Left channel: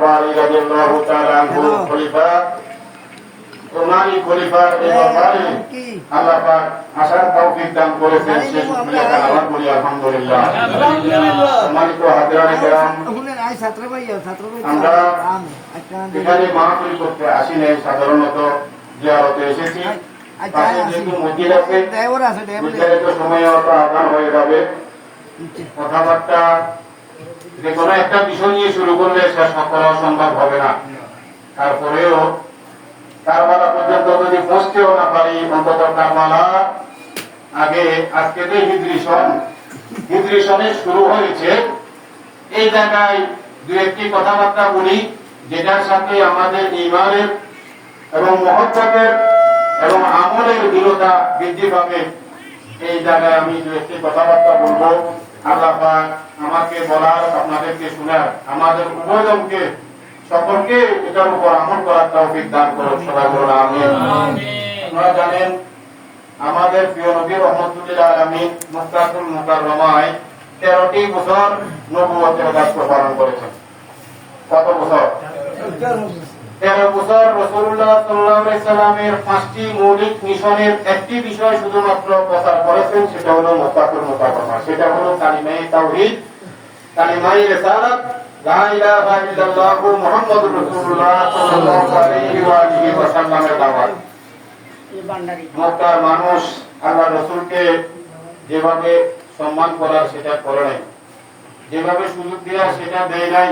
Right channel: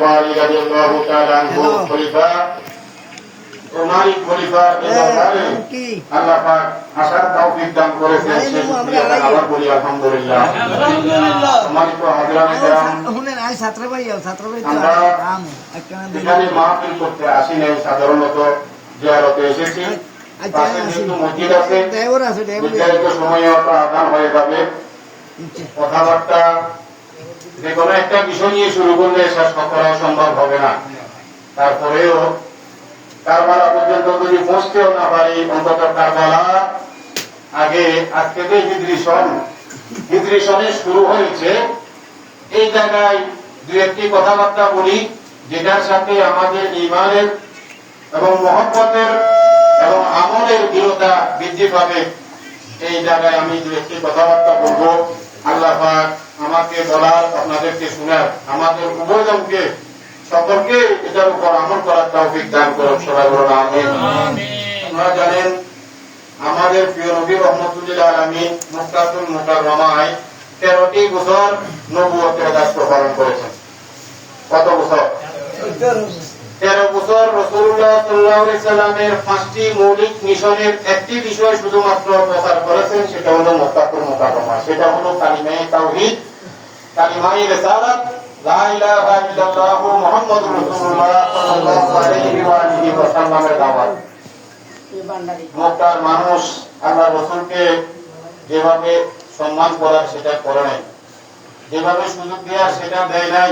বারি রাদিয়াল্লাহু তাআলা আনহু খলিফা ওমারি খলিফা এই দরবারে আল্লাহ পাক আসার তৌফিক দান করেছেন সেই শুকরিয়া তার আবার বলি আলহামদুলিল্লাহ সম্মানিত হাজরাত کرام আমরা এখানে মাহফিল করতে আসি নাই সাধারণত জিয়ারতে এসেছি পাশে যেহেতু মসজিদ আছে নির্ধারিত সময়ে অত আদান হয়ে যাবে কথাবার্তা যে কোনো একটা বিষয় নিয়ে শুরু করলে শেষ করা সম্ভব হবে না। তারপরেও কারবালা পর্যন্ত যদি পৌঁছতেও না পারি অন্তত কারবালা আগে, আজকে তো হিদ্রি সন শুরু হয়েছে। এই জায়গায় দু একটি কথাবার্তা বলি, যেটার সাথে আমাদের ইমানের এবং মহব্বতের এবং আমলের দৃঢ়তা বৃদ্ধি পাবে। এই জায়গায় আমি দু একটি কথাবার্তা বলব। আল্লাহ পাক আমাকে বলার আপনাদেরকে শোনার আমাদের উভয়জনকে সকলকে এটার উপর আমল করার তৌফিক দান করুন সবাই বলুন আমিন। আপনারা জানেন আমাদের প্রিয় নবী রহমতুল্লাহ আলামিন মুক্তাতুল মুকাররমায় তেরোটি বছর নবুয়তের দায়িত্ব পালন করেছেন। কত বছর। তেরো বছর রসুল্লাহ সাল্লামের পাঁচটি মৌলিক মিশনের একটি বিষয় শুধুমাত্র প্রচার করেছেন সেটা হলো মোত্তাকুল মোতাকমা সেটা হলো কালিমাই তাওহীদ কালিমাই রিসালাত মানুষ আল্লাহ রসুলকে যেভাবে সম্মান করার সেটা করে নাই যেভাবে সুযোগ দেওয়ার সেটা দেয় নাই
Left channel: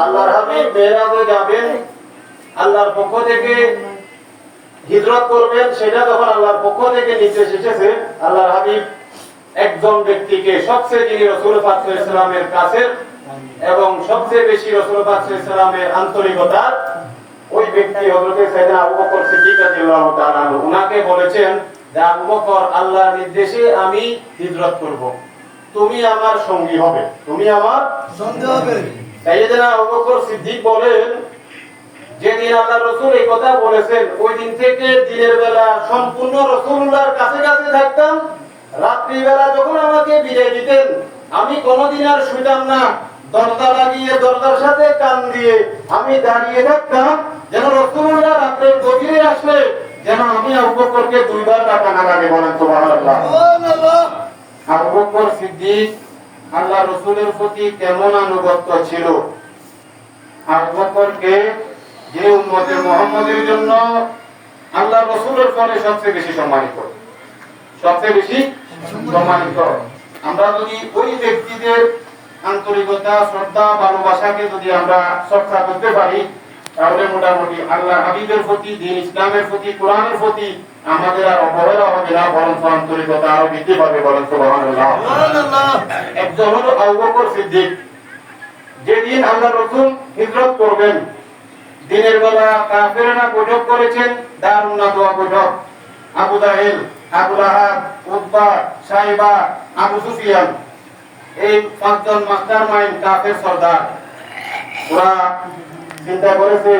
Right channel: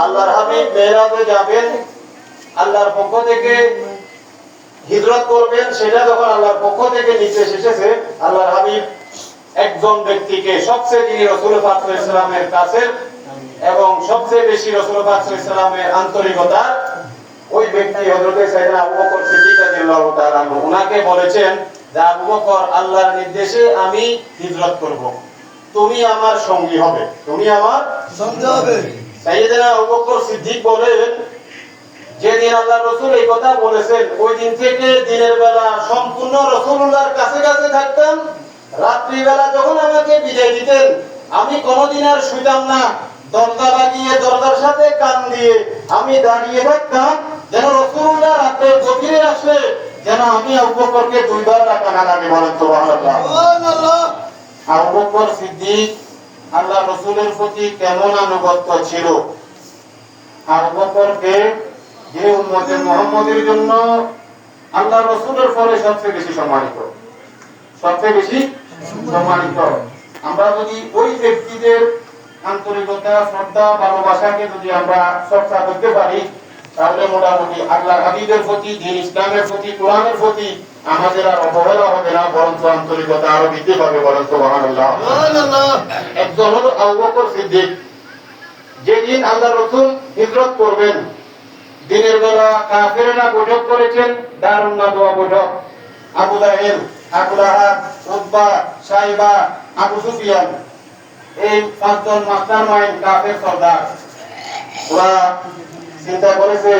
আল্লাহর হাবিব মেরাজে যাবেন, আল্লাহর পক্ষ থেকে হিজরত করবেন, সেটা যখন আল্লাহর পক্ষ থেকে নির্দেশ এসেছে, আল্লাহর হাবিব একজন ব্যক্তিকে সবচেয়ে যিনি রসুল ইসলামের কাছে এবং সবচেয়ে বেশি রসুল ইসলামের আন্তরিকতা ওই ব্যক্তি হযরতে সাইয়েদনা আবু বকর সিদ্দিক রাদিয়াল্লাহু তাআলা উনাকে বলেছেন যে, আবু বকর, আল্লাহর নির্দেশে আমি হিজরত করব। তুমি আমার সঙ্গী হবে। তুমি আমার সাইয়েদনা আবু বকর সিদ্দিক বলেন যেদিন আল্লাহ রসুল এই কথা বলেছেন ওই দিন থেকে দিনের বেলা সম্পূর্ণ রসুল্লাহর কাছে কাছে থাকতাম। রাত্রি যখন আমাকে বিদায় দিতেন আমি কোনোদিন আর শুইতাম না। দরজা লাগিয়ে দরজার সাথে কান দিয়ে আমি দাঁড়িয়ে থাকতাম যেন রসুল্লাহ রাত্রে গভীরে আসলে যেন আমি আবু বকরকে দুইবার ডাকা না লাগে বলেন আবু বকর সিদ্দিক আল্লাহ রসুলের প্রতি কেমন আনুগত্য ছিল? আবু বকরকে যে উম্মতে মুহাম্মদের জন্য আল্লাহ রসুলের পরে সবচেয়ে বেশি সম্মানিত। সবচেয়ে বেশি সম্মানিত। আমরা যদি ওই ব্যক্তিদের আন্তরিকতা, শ্রদ্ধা, ভালোবাসাকে যদি আমরা চর্চা করতে পারি, তাহলে মোটামুটি আল্লাহ হাবিবের প্রতি, দিন ইসলামের প্রতি, কোরআনের প্রতি আমাদের আর অবহেলা হবে না বরঞ্চ আন্তরিকতা আরও বৃদ্ধি পাবে বরঞ্চ একজন হলো আবু সিদ্দিক। যেদিন আল্লাহ রসুল হিজরত করবেন দিনের বেলা কাফেরেরা বৈঠক করেছেন দারুণ নাদোয়া বৈঠক। আবু জাহেল আবু লাহাব উতবা সাইবা আবু সুফিয়ান এই পাঁচজন মাস্টার মাইন্ড কাফের সর্দার। ওরা চিন্তা করেছে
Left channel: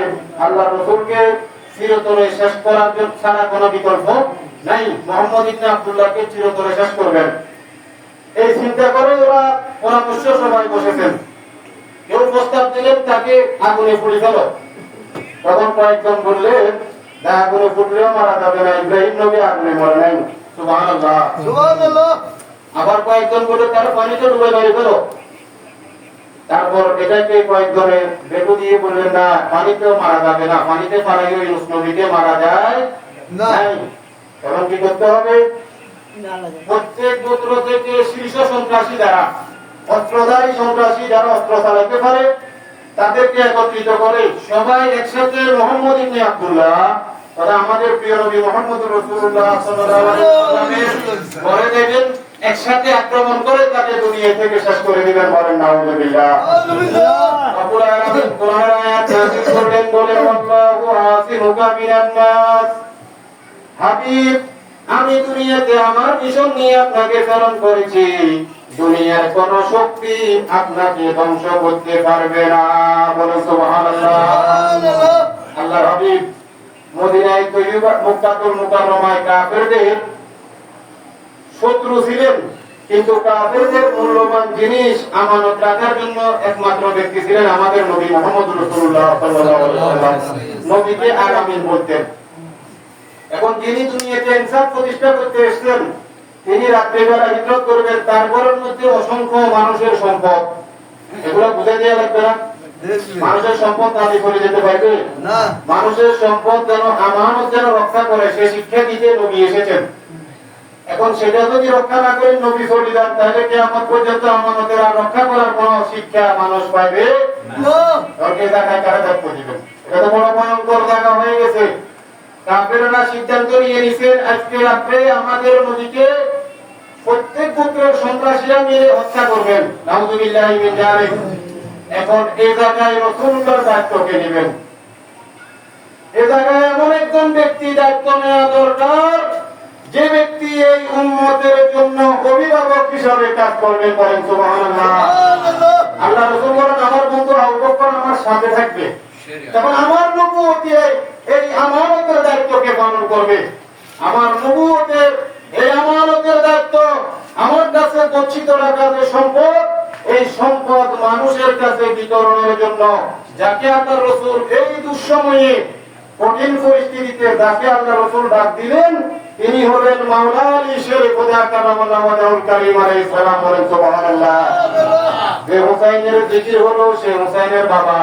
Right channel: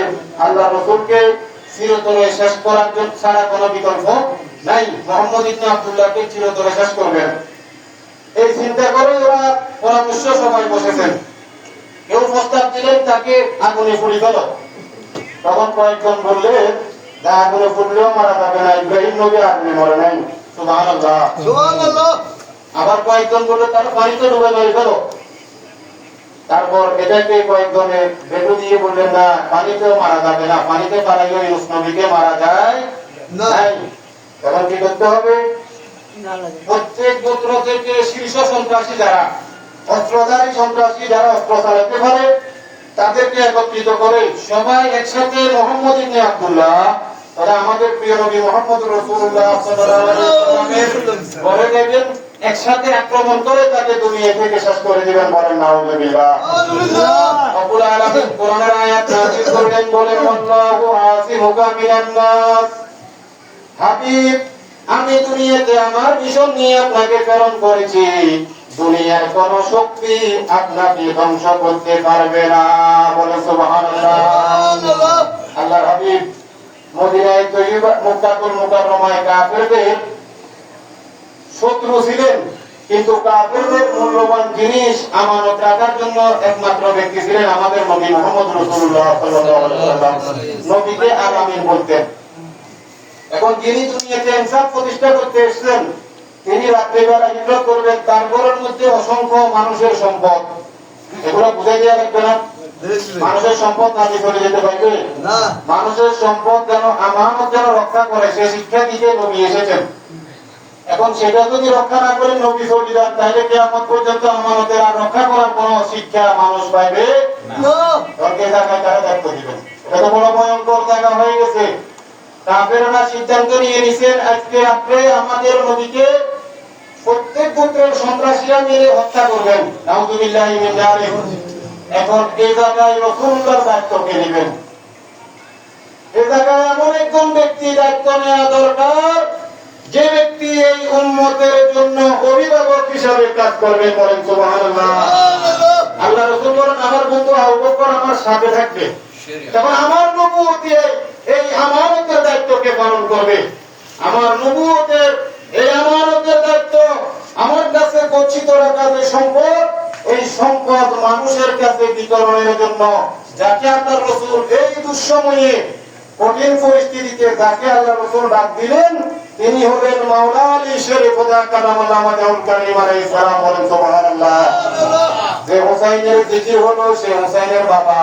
আল্লাহ রসুলকে চিরতরে শেষ করার জন্য ছাড়া কোনো বিকল্প নাই। মোহাম্মদ ইবনে আব্দুল্লাহকে চিরতরে শেষ করবেন। এই চিন্তা করে ওরা পরামর্শ সবাই বসেছেন। কেউ প্রস্তাব দিলেন তাকে আগুনে পুড়ি গেল তখন কয়েকজন বললে না আগুনে ফুটলেও মারা যাবে না ইব্রাহিম নবী আগুনে মরে নাই। সুবহানাল্লাহ। আবার কয়েকজন বলল তারা পানিতে ডুবে হয়ে গেল তারপর এটাকে কয়েকজনে বেটু দিয়ে বললেন না পানিতেও মারা যাবে না পানিতে পারাইও ইউস নবীকে মারা যায় নাই। কি করতে হবে? প্রত্যেক গোত্র থেকে শীর্ষ সন্ত্রাসী যারা অস্ত্রধারী সন্ত্রাসী যারা অস্ত্র চালাতে পারে তাদেরকে একত্রিত করে সবাই একসাথে মোহাম্মদ ইবনে আব্দুল্লাহ তারা আমাদের প্রিয় নবী মোহাম্মদ রাসূলুল্লাহ সাল্লাল্লাহু আলাইহি ওয়াসাল্লামের ঘরে যাবেন একসাথে আক্রমণ করে তাকে দুনিয়া থেকে শেষ করে দিবেন বলেন নাউজুবিল্লাহ। রব্বুল আলামিন কোরআনের আয়াত নাযিল করলেন বলেন আল্লাহু আসিমুকা মিনান নাস। হাবিব আমি দুনিয়াতে আমার মিশন নিয়ে আপনাকে প্রেরণ করেছি। দুনিয়ার কোন শক্তি আপনাকে ধ্বংস করতে পারবে না বলে সুবহানাল্লাহ। আল্লাহ হাবিব মদিনায় তৈবা মুক্তাতুল মুকাররমায় কাফেরদের শত্রু ছিলেন কিন্তু কাফেরদের মূল্যবান জিনিস আমানত রাখার জন্য একমাত্র ব্যক্তি ছিলেন আমাদের নবী মোহাম্মদ ওয়াসাল্লাম। নবীকে আগামী বলতেন। এখন যিনি দুনিয়াতে ইনসাফ প্রতিষ্ঠা করতে এসেছেন তিনি রাত্রিবেলা হিজরত করবেন তারপরের মধ্যে অসংখ্য মানুষের সম্পদ। এগুলো বুঝাই দেওয়া লাগবে না? মানুষের সম্পদ নাতি চলে যেতে পারবে? না। মানুষের সম্পদ যেন আমানত যেন রক্ষা করে সে শিক্ষা দিতে নবী এসেছেন। এখন সেটা যদি রক্ষা না করেন নবী চলে যান তাহলে কি আমার পর্যন্ত আমানতের আর রক্ষা করার কোন শিক্ষা মানুষ পাইবে না। জায়গায় কারা দায়িত্ব দিবেন? এটা তো বড় ভয়ঙ্কর জায়গা হয়ে গেছে। কাফেররা সিদ্ধান্ত নিয়ে নিছেন আজকে রাত্রে আমাদের নবীকে প্রত্যেক পুত্রের সন্ত্রাসীরা মিলে হত্যা করবেন। নাউজুবিল্লাহি মিন জালিক এখন এই জায়গায় রাসূলুল্লাহর দায়িত্ব কে নেবেন? এই জায়গায় এমন একজন ব্যক্তি দায়িত্ব নেওয়া দরকার যে ব্যক্তি এই উম্মতের জন্য অভিভাবক হিসাবে কাজ করবে বলেন আল্লাহ রাসূল বলেন, আমার বন্ধু বকর আমার সাথে থাকবে। তখন আমার নবুয়তি এই- এই আমানতের দায়িত্বকে পালন করবে? আমার নবুয়তের এই আমানতের দায়িত্ব আমার কাছে গচ্ছিত রাখা যে সম্পদ, এই সম্পদ মানুষের কাছে বিতরণের জন্য যাকে আল্লাহ রসুল এই দুঃসময়ে কঠিন পরিস্থিতিতে যাকে আল্লাহ রসুল ডাক দিলেন তিনি হলেন মাওলা আলী শরীফ খোদা কালামুল্লাহ ওয়াজাহুল কারীম আলাইহিস সালাম বলেন, সুবহানাল্লাহ। যে হুসাইনের জিকির হলো, সে হুসাইনের বাবা।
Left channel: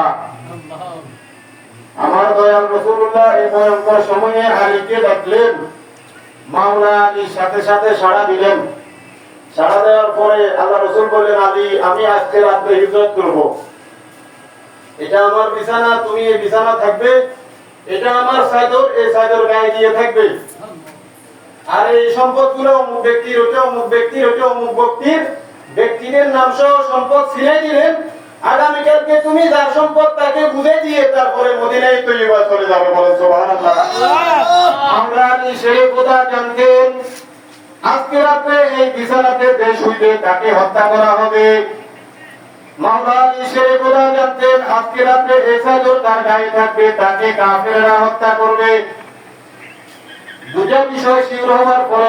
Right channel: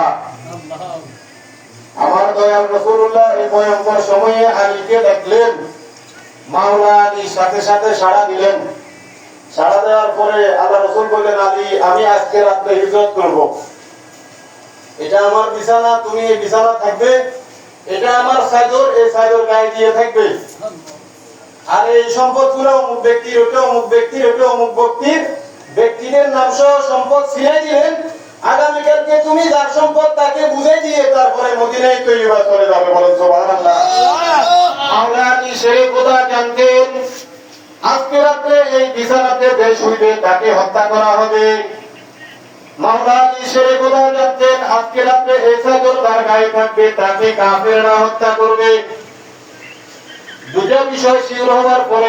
আমার দয়াল রসুল্লাহ এই ভয়ঙ্কর সময়ে আলীকে দেখলেন মাওলা আলী সাথে সাথে সাড়া দিলেন। সাড়া দেওয়ার পরে আল্লাহ রসুল বললেন, আলী, আমি আজকে রাত্রে হিজরত করব। এটা আমার বিছানা, তুমি এই বিছানা থাকবে। এটা আমার সাইদর এই সাইদর গায়ে দিয়ে থাকবে। আর এই সম্পদগুলো অমুক ব্যক্তির ওটা অমুক ব্যক্তির ওটা অমুক ব্যক্তির ব্যক্তিদের নাম সহ সম্পদ ছিলাই দিলেন। আগামীকালকে তুমি যার সম্পদ তাকে বুঝে দিয়ে তারপরে মদিনায় তৈরি চলে যাবে বলেন আমরা সেই কথা জানতেন আজকে রাত্রে এই বিছানাতে দেশ হইবে তাকে হত্যা করা হবে। মাওলা আলী সেই কথা জানতেন, আজকে রাত্রে এই তার গায়ে থাকবে, তাকে কাফেররা হত্যা করবে। দুটা বিষয় শিওর হওয়ার পরে